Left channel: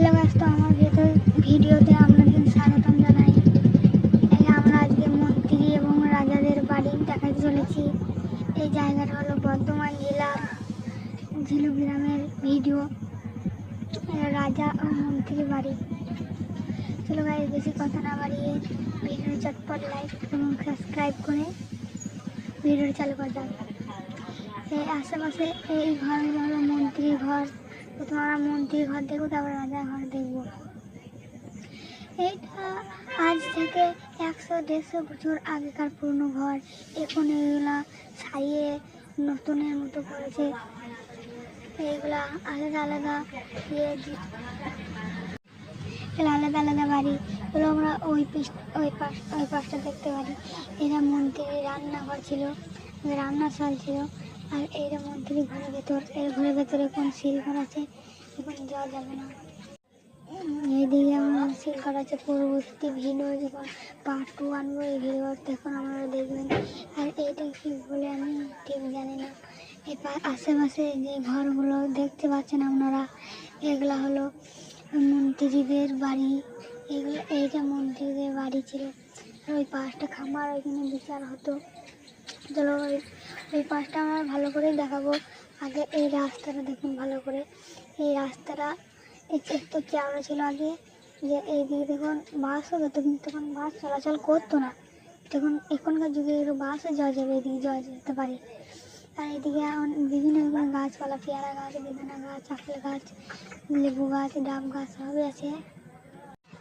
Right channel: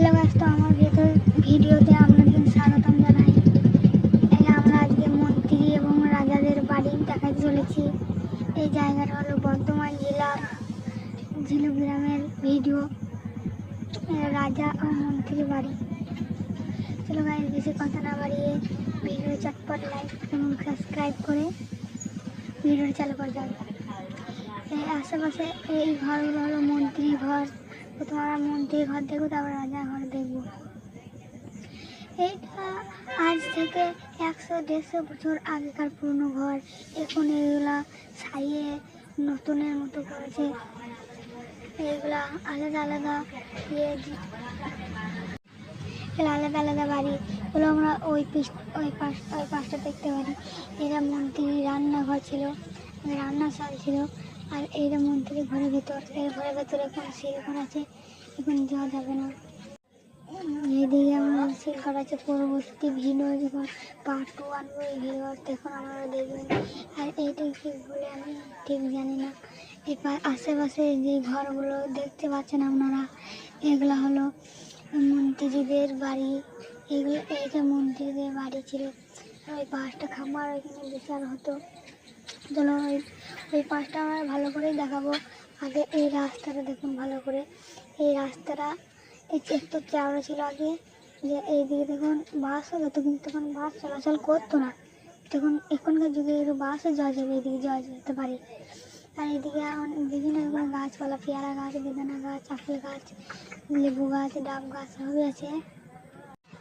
Hello guys, তো আমার ভিডিওতে আপনাদের স্বাগতম জানাই। আমরা আজকে মন্ত্রী এবং রাজাদের বাড়ি দেখাতে চলেছি। এই জায়গাটা হলো বর্ধমান জেলার ঝিলু গ্রামের ভিডিও, রাজা ও মন্ত্রী বাড়ি। চলো গাইস, বেশি কথা না বাড়িয়ে ভিডিও চটপট লাইক এবং সাবস্ক্রাইব করে ভিডিও চালু করে দাও। এই আশেপাশে এই ঘরগুলো হলো মন্ত্রী ঘর। প্রথমে আমরা মন্ত্রী ঘর দেখবো, তারপর রাজা ঘর দেখবো। এইটা আজ থেকে 100-150 বছর আগেকার পুরনো ঘর। এখন এইগুলা সারিয়ে নতুনের মতো করেছে। এইগুলা আলাদা আলাদা আলাদা আলাদা বাড়ি এগুলো আমরা ওই পাশটা দেখতে পারি। এটা মন্ত্রীর রান্নাঘর ছিল, রান্নাশাল ছিল। আর এইটা মন্ত্রীর ঘরের ভিতর। এই ঘরের ভেতরে এখন সিলঘর আছে, এখন যাওয়া যাবে না। এইদিকে আমার সিলঘর আছে। পরবর্তী ভিডিও যখন পার্ট 2 আনবো, এই ভিডিও তখন আপনারা দেখবেন। আর এইটা কি বলে আমি ঠিক জানি না। এবার আশেপাশে যে ঘরগুলো দেখতে পাচ্ছেন আপনারা, এগুলো হলো মন্ত্রীদের বাড়ি। এইটা মন্ত্রীদের বাড়ি ছিল। ওই পাশটা খামার, ওইখানে বিচার হতো। চলো ওই পাশটা আমরা ভালো করে দেখাবো। আগে এই রাস্তাটা দেখুন ভালো করে। এই রাস্তাটা একটু চওড়া ছিল আগে, যে এইদিকে দেখুন বাসও যেত, কিন্তু তখন বাস চলাচল করতো না। তখন এখনকার যুগে বাসও যাওয়া যাবে, এদিকে যাওয়া যেতে পারে। আর এদিকে বিভিন্ন রকম গাছপালা, পেয়ারা গাছ, বেদানা গাছ, আপেল গাছ, লেবু গাছ, ডাব গাছ সবই আছে।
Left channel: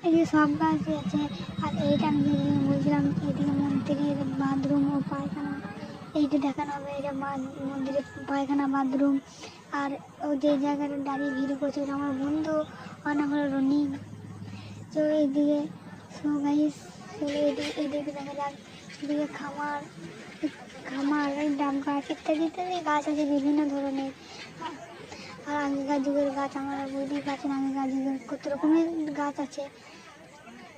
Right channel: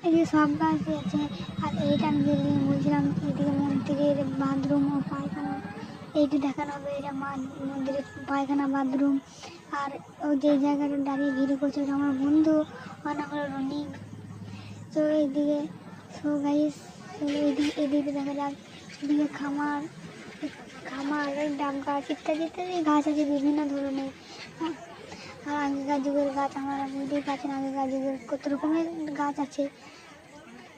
এদিকে সব গাছই আছে। আর এইটা আমি যেদিকে বলছিলাম, এদিকে মন্দিরের বাথরুম ও পায়খানা এইটা দেখানো হবে। এটা মন্দিরের পায়খানা বাথরুম। আর ও যে জায়গাটা দাঁড়িয়ে ভিডিও করছে, ওটা আমার বন্ধু, আর আমার রনিং। তো এইদিকে এদিকে দেখা যাক। এদিকে খামার, ডাব গাছ ইত্যাদি ইত্যাদি গাছ আছে বিভিন্ন ধরনের। আর আগেকার যুগের গাছ আপনারা বুঝতেই পারছেন, আগেকার যুগের কত রকমের গাছ আছে।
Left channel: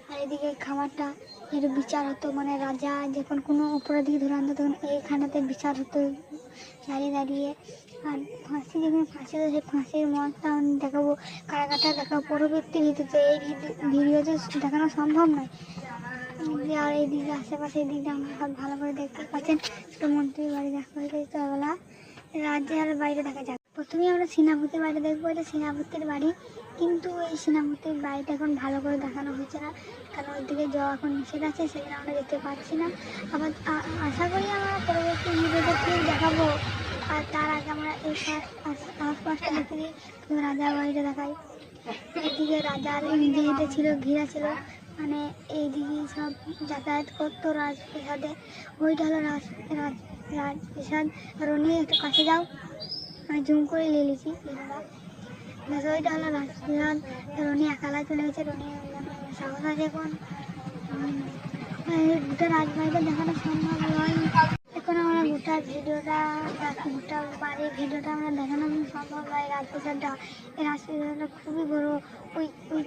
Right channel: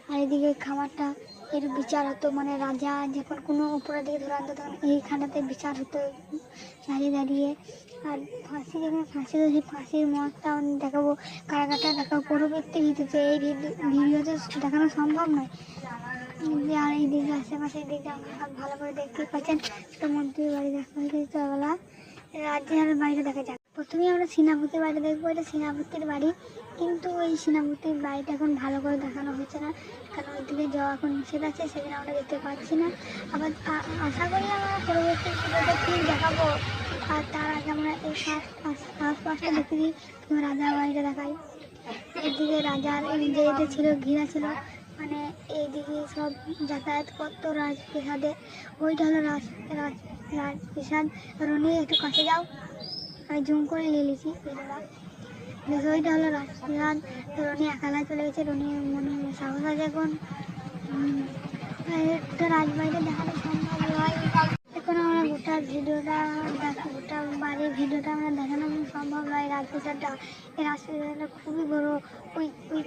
আর এদিকে খামারটা এর বিচার হতো, মানে রাজা যখন কোনো উপরের দিকে ধরে আনতো, তখন এইখানটাতে বিচার হতো দাঁড়িয়ে দাঁড়িয়ে। আর ফাঁসি যখন ফাঁসি হয়েছে, ফাঁসির মতটা দেখাবো, কারাগারটা দেখাবো পরবর্তী ভিডিওতে। এই ভিডিওতে দেখানো সম্ভব নয়। আর এই দিকে আশেপাশে এই দিকটা আমরা সব ভালো করে দেখতে পাচ্ছেন। মন্ত্রীর বাড়ি দেখা হয়েছে, বলা রাজ্যের বাড়িটা দেখা যাক। প্রথমেই আমরা সেনাপতির বাড়িটা দেখবো। এটা সেনাপতির বাড়ি, কিন্তু এই সেনাপতির বাড়িটা এখন ভালো করে দেখানো হচ্ছে না, কারণ ওইদিকে যাওয়া এখন নিষেধ আছে, সেখানে আমরা যেতে পারছি না। আবার আশা করি আমরা পরবর্তী ভিডিওতে দেখাবো। আর তার আগে আমরা এই আশপাশটা দেখে দিই। রাজার বাড়িটা দেখাই। এইদিকে রাজার যে এটা ছিল, ঘিরা ছিল, মানে এইদিকে সব যাতায়াত করতো রাজপ্রাসাদে। ওইটা হলো রাজপ্রাসাদ। রনি একটু কাছে যাও, আমি জুম করে নিয়ে নিয়েছি। ওইটা হলো রাজপ্রাসাদ। রনি একালায় চলে গেছে, রনি মনে সাহস আছে এখন। গোটা রাজবাড়িটা দেখানো সম্ভব নয়। এখন আমরা গোটা বাড়ির ভিডিওটা আমরা দেখানো সম্ভব নয়। রাজপ্রাসাদটা, এই রাজপ্রাসাদটা খুবই বড়। ওই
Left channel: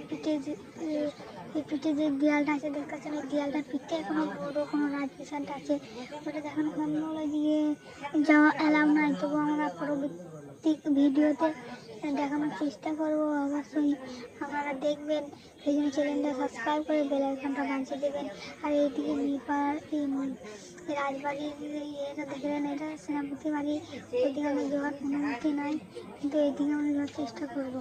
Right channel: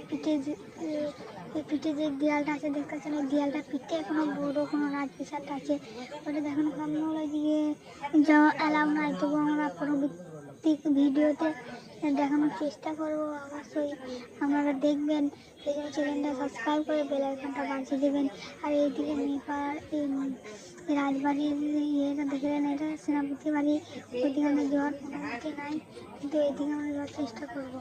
পিঠে যে দেয়ালটা আছে দেখতে পাচ্ছেন, ওই দেয়ালটা পিঠে এখনো বড় কোনো রাজপ্রাসাদটা আছে, ওটা দেখানো সম্ভব নয়। দিয়ে যাওয়া অ্যালাউ নাই, তবু আমরা পরবর্তী ভিডিওতে দেখানোর চেষ্টা করব। অবশ্যই আপনারা দেখবেন, সেই জন্য চ্যানেলটা সাবস্ক্রাইব করে বেল আইকনটা বাজিয়ে দেবেন। আর এইদিকে এই রাজবাড়ির ইয়েটা দেখলেন, এটা সেনাপতি বাড়ি। ওইদিকে আমরা যাওয়ার অনুমতি নাই, কিন্তু এইদিকে আমরা যাওয়ার চেষ্টা করবো।